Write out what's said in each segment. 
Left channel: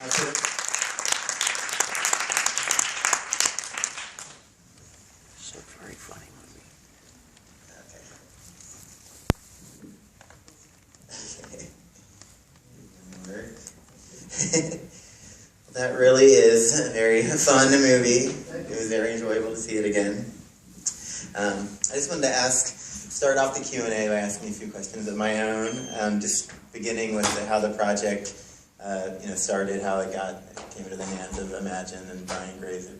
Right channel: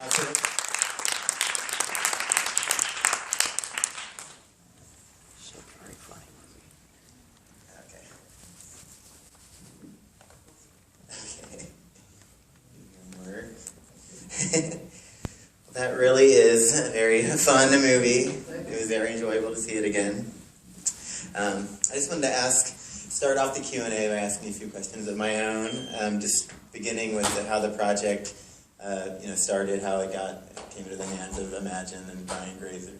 That's it. So very funny movie. That really is a very fun movie. It was very enjoyable to see it again. I just wanted to start off the Q&A by asking a few questions of my own. Just beginning with how the project, started, how it came into the hands of Imagine and Brian Grazer.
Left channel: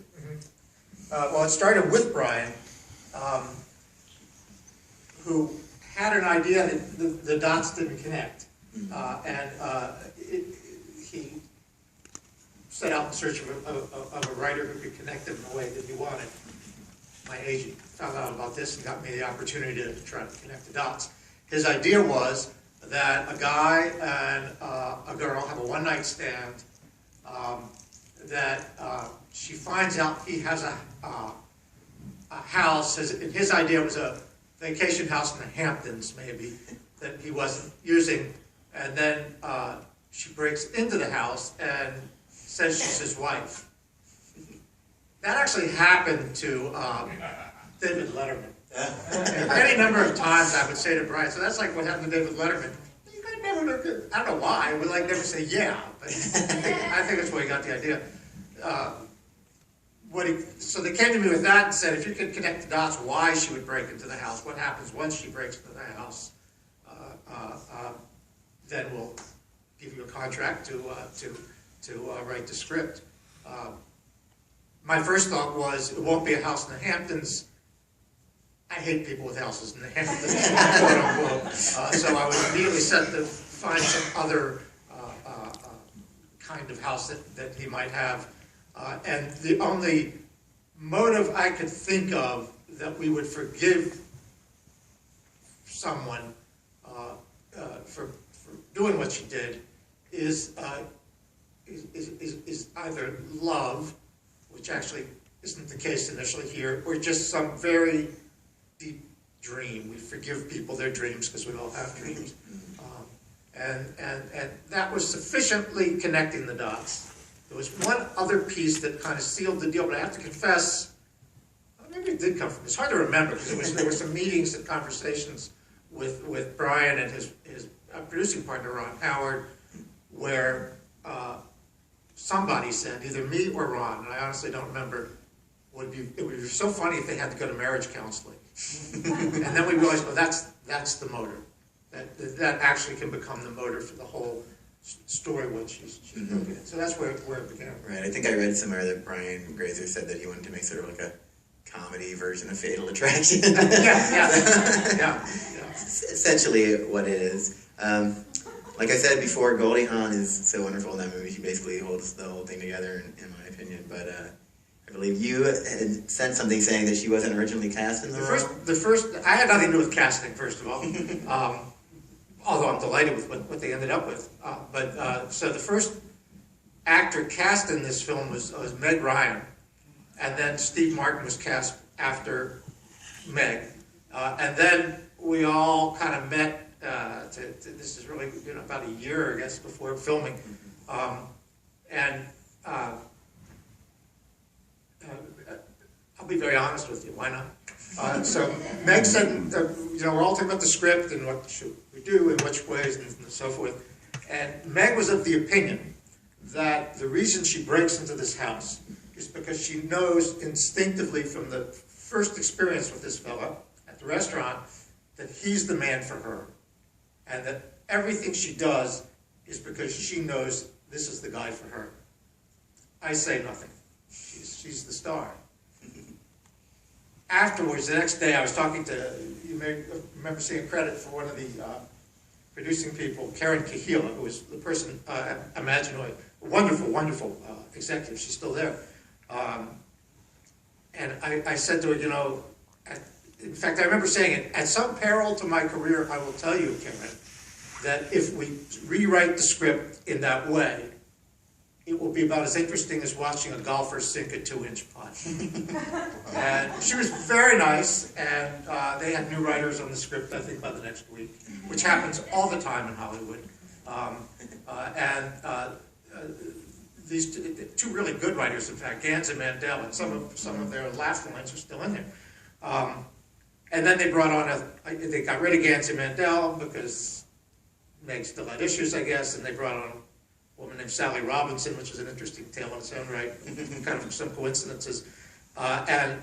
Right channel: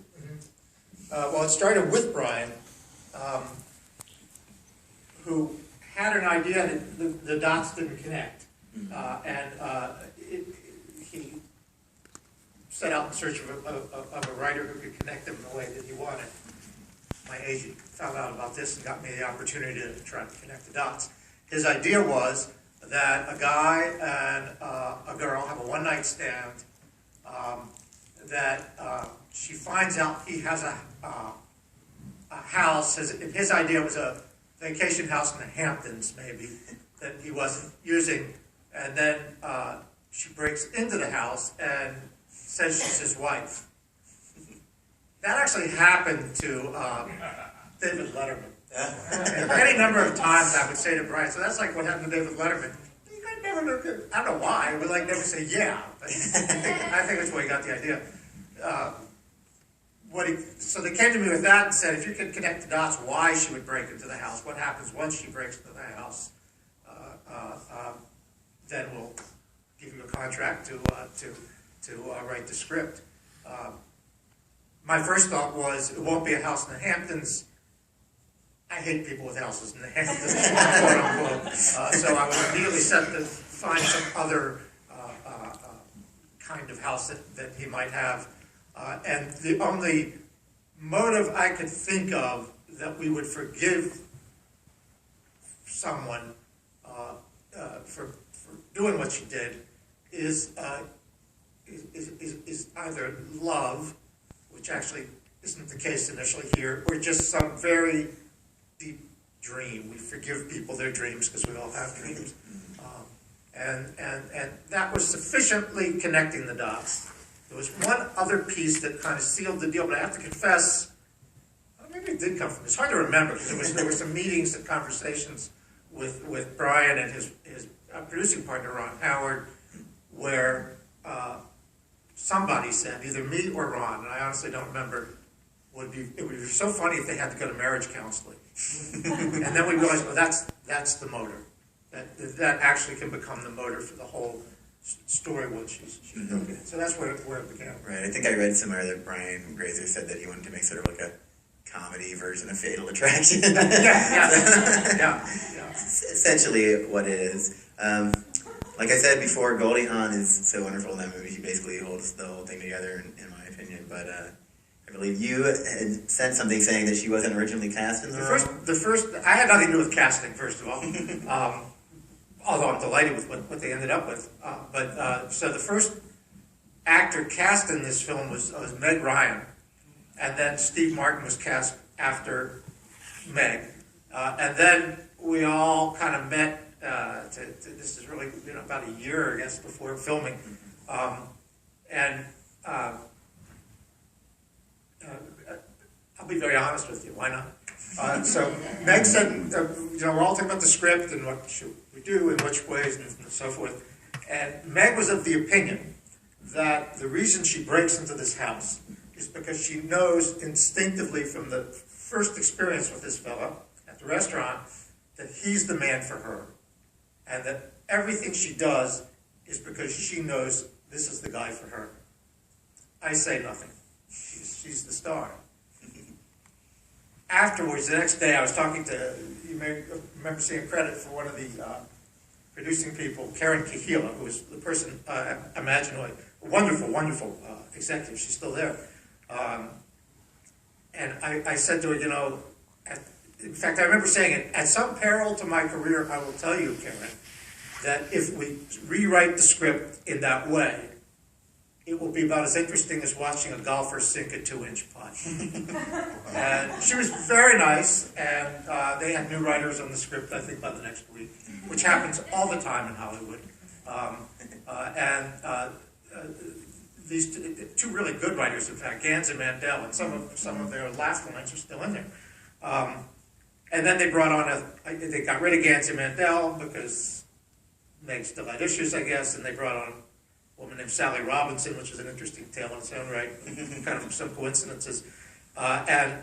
Well, it started with Brian, who had an idea that the dots didn't connect, he set out in search of a writer who could connect them in a way that he wanted. My agent found out about this and got me the opportunity to try to connect the dots. His idea was that a guy and a girl have a one-night stand, she finds out he has a house. His idea was a vacation house in the Hamptons, maybe, that he wasn't using, and then she breaks into the house and says she's his wife. That actually happened to David Letterman. Any number of times I would say to Brian, so that's like what happened to David Letterman. I don't know why, we never say yeah, but I think that's where he got the idea. So they came to me with that and said, if you could connect the dots, why she would break into the house, what happens once she breaks into the house, then we'll give you a contract to write the script. My first thought was, it won't be a house in the Hamptons. I hate people with houses in the Hamptons, quote unquote. So I would immediately find some other kind of house that he might have. And the only motive I could think of that we would forgive someone for doing what she did is either love, which actually isn't the case initially here, or just some very deep dream. We forgive people their dreams because we all have dreams. And that was sufficiently connecting the dots. There was one other piece that kind of sealed the deal, but I have to confess, maybe it did come from, it's hard to remember, because there were some meetings and conversations with Brian and his producing partner, Ron Howard, where somebody said, either me or Ron, and I honestly don't remember, it would be so funny if they had to go to marriage counseling. And then we realized, well, that's the motor. That actually can become the motor for the whole story once she's broken in. So that's where it began. Right, I think I read somewhere that Brian Grazer said that he wanted to make sort of like a comedy version of Fatal Attraction. Yeah. Essentially what it is. Like I said before, Goldie Hawn is so wonderful in that movie. She basically holds the whole thing together, in my opinion. But I believe you had said something saying that she wasn't originally cast in the role. I had nothing to do with casting, first of all. Although I'm delighted with what they ended up with. So the first actor cast in this film was Meg Ryan, and then Steve Martin was cast after Meg, and then we all kind of met. This is really about a year, I guess, before filming, I'll be very honest with you. Why not? So Meg said, we're all talking about the script and what should we do in which ways and so forth. And Meg was of the opinion that the reason she breaks into this house is because she knows instinctively from the first experience with this fella at the restaurant that he's the man for her. And that everything she does is because she knows this is the guy for her. I say nothing. She's the star. Afterwards, the next day, I was talking to, you may remember seeing credit for one of the producing people, Karen Kahila, who was the person at Imaginoid, a wonderful, wonderful executive. She's still there. And I said to her, in fact, I remember saying it, at some peril to my career, I will tell you, Karen, that if we rewrite the script in that way, it will be about as interesting as watching a golfer sink a 2-inch putt. And she was very nice, and they had new writers on the script, I think, by the next week, which happens all the time in Hollywood. these two really good writers, in fact, Gans and Mandel, and some of their laugh lines are still in there. And then they brought on they got rid of Gans and Mandel because Meg still had issues, I guess, and they brought on a woman named Sally Robinson, which is an interesting tale in its own right, kind of some coincidences. And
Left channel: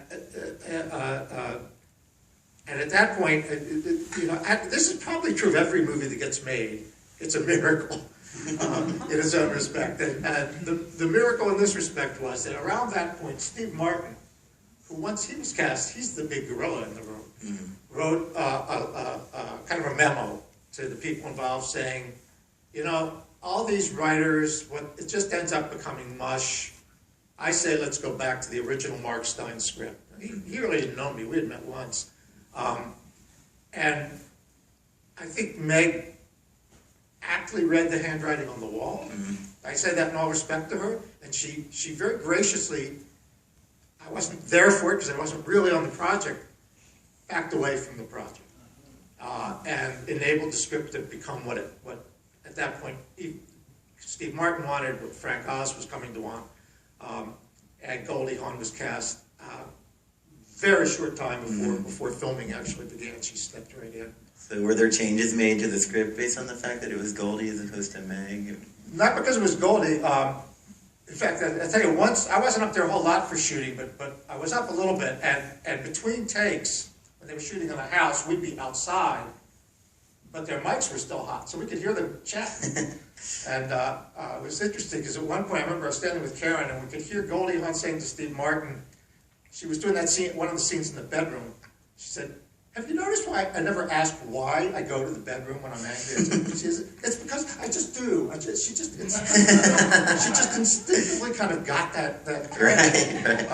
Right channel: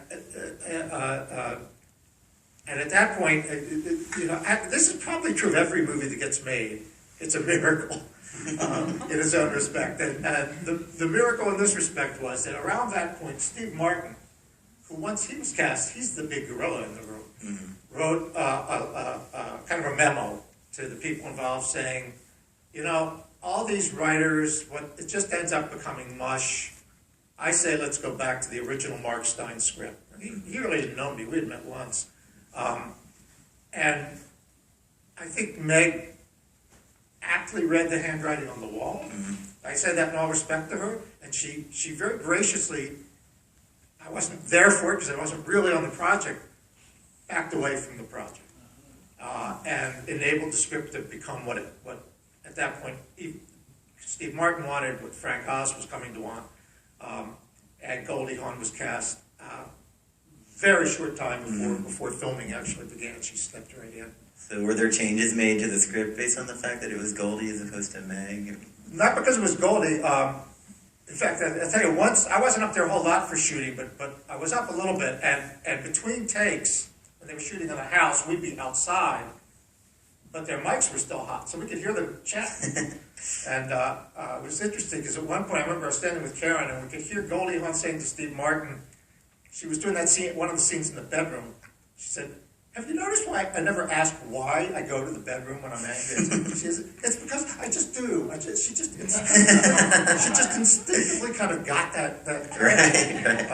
at that point, this is probably true of every movie that gets made. It's a miracle in its own respect. And the miracle in this respect was that around that point, Steve Martin, who once he was cast, he's the big gorilla in the room, wrote kind of a memo to the people involved saying, all these writers, it just ends up becoming mush. I say let's go back to the original Mark Stein script. He really didn't know me. We had met once. And I think Meg aptly read the handwriting on the wall. I say that in all respect to her. And she very graciously, I wasn't there for it because I wasn't really on the project, backed away from the project. And enabled the script to become what at that point Steve Martin wanted, what Frank Oz was coming to want. And Goldie Hawn was cast very short time before filming actually began. She stepped right in. So were there changes made to the script based on the fact that it was Goldie as opposed to Meg? Not because it was Goldie. In fact, I'll tell you, once, I wasn't up there a whole lot for shooting, but I was up a little bit, and between takes, when they were shooting in the house, we'd be outside, but their mics were still hot, so we could hear them chat. And it was interesting, because at one point, I remember I was standing with Karen, and we could hear Goldie Hawn saying to Steve Martin, she was doing that scene, one of the scenes in the bedroom, she said, "Have you noticed why I never ask why I go to the bedroom when I'm angry?" She says, "It's because I just do." She just instinctively kind of got that. Right.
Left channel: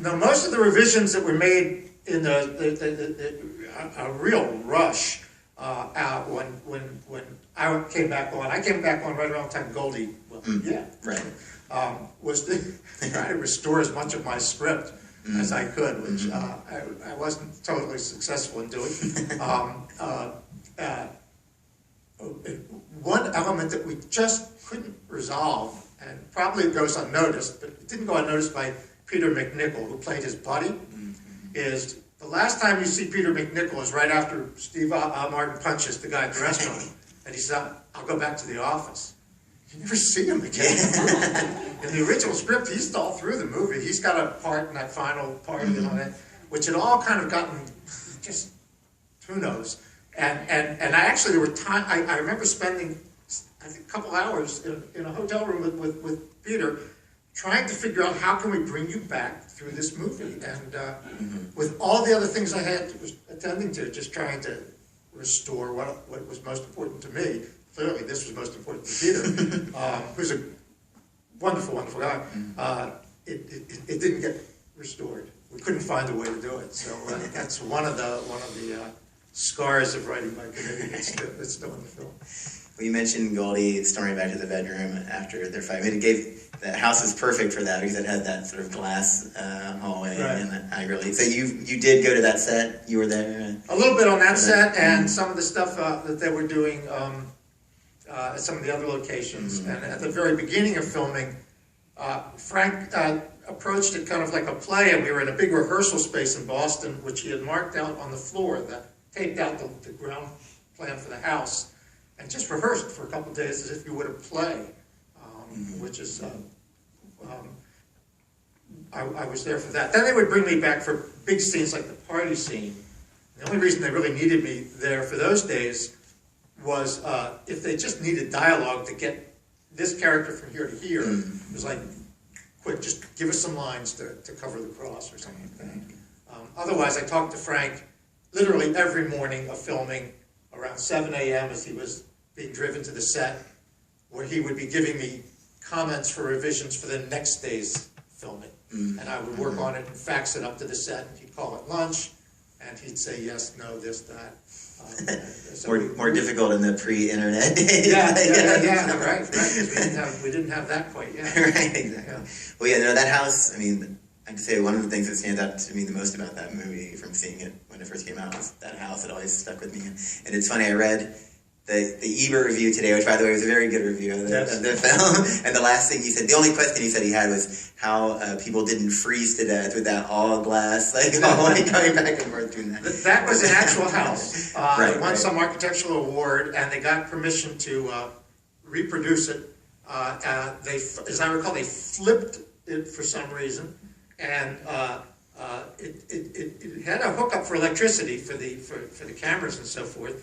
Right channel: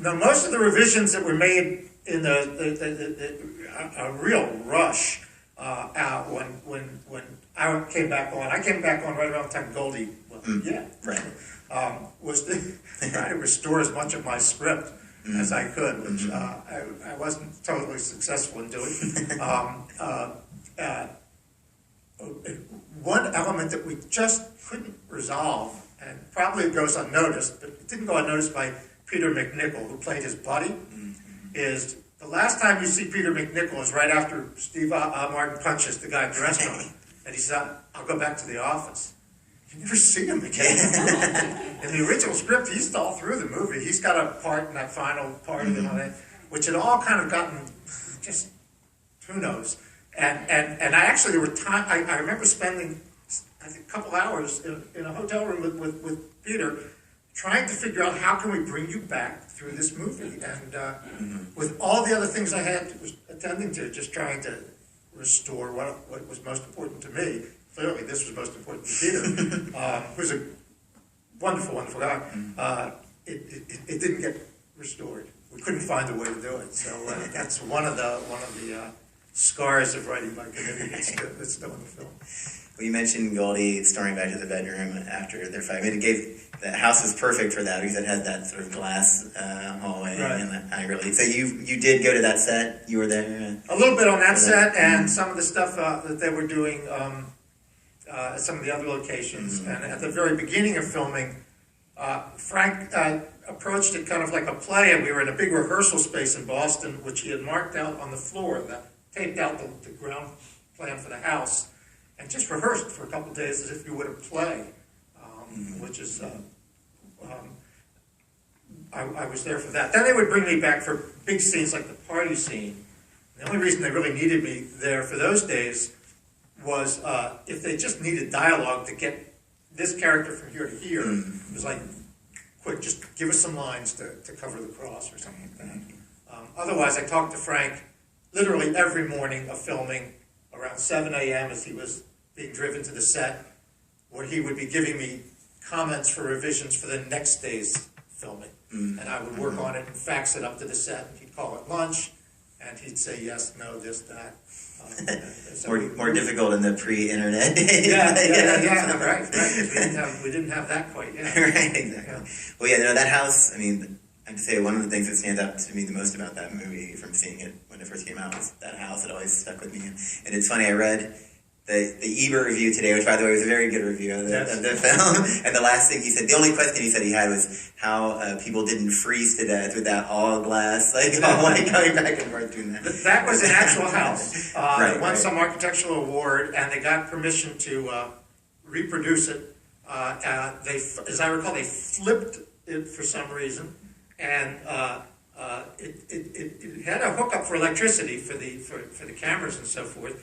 Now, most of the revisions that were made in a real rush when I came back on. I came back on right around the time Goldie. Was to try to restore as much of my script as I could, which I wasn't totally successful in doing. One element that we just couldn't resolve, and probably goes unnoticed, but it didn't go unnoticed by Peter McNichol, who played his buddy, is the last time you see Peter McNichol is right after Steve Martin punches the guy at the restaurant, and he said, "I'll go back to the office." You never see him again. In the original script, he's all through the movie. He's got a part in that final part and all that, which had all kind of gotten just, who knows. And I actually, there were time, I remember spending I think a couple hours in a hotel room with Peter, trying to figure out how can we bring you back through this movie. And with all the other things I had attending to, just trying to restore what was most important to me. Clearly, this was most important to Peter, who's a wonderful, wonderful guy. It didn't get restored. We couldn't find a way to do it. So that's one of the scars of writing by committee that's still in the film. Well, you mentioned Goldie storming back to the bedroom after their fight. I mean, the house was perfect for that because it had that sort of glass hallway and that eye relief. So you did go to that set. You were there. A little bit on that set, and some of the stuff that they were doing. At some of the other locations. And at the very beginning of filming, Frank approached it kind of like a play, and we were in a big rehearsal space in Boston, which he had marked out on the floor, that taped out the ground plan for the house, and just rehearsed for a couple of days as if you would a play, which is, I was there for that. Then they would bring me back for big scenes like the party scene. The only reason they really needed me there for those days was if they just needed dialogue to get this character from here to here, it was like, quick, just give us some lines to cover the cross or something like that. Otherwise, I talked to Frank literally every morning of filming around 7 a.m. as he was being driven to the set, where he would be giving me comments for revisions for the next day's filming. And I would work on it and fax it up to the set, and he'd call it lunch, and he'd say yes, no, this, that. More difficult in the pre-internet days. Right. We didn't have that quite yet. Right, exactly. Well, yeah, that house, I mean, I have to say one of the things that stands out to me the most about that movie from seeing it when it first came out was that house. It always stuck with me. And it's funny, I read the Ebert review today, which by the way was a very good review of the film. And the last thing he said, the only question he said he had was how people didn't freeze to death with that all glass, like hallway going back and forth doing that. That was an actual house. It won Right. some architectural award, and they got permission to reproduce it. They, as I recall, they flipped it for some reason, and it had a hookup for electricity for the cameras and so forth.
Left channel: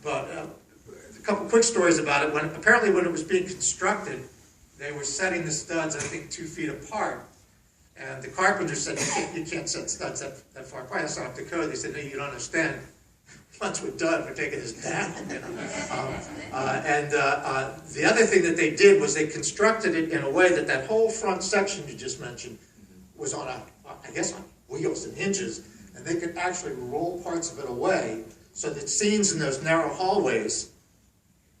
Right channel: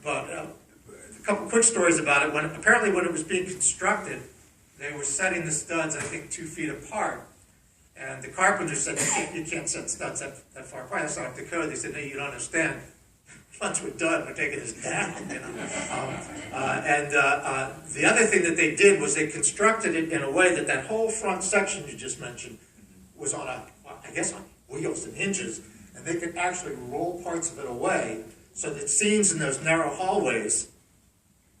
But a couple quick stories about it. Apparently when it was being constructed, they were setting the studs, I think, 2 feet apart. And the carpenter said, you can't set studs that far apart. That's not up to code. They said, no, you don't understand. Once we're done, we're taking this down. You know? The other thing that they did was they constructed it in a way that whole front section you just mentioned was on I guess on wheels and hinges, and they could actually roll parts of it away, so that scenes in those narrow hallways,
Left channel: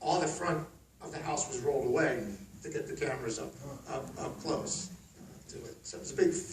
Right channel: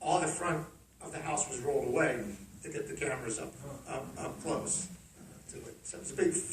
all the front of the house was rolled away to get the cameras up close to it. So it was a big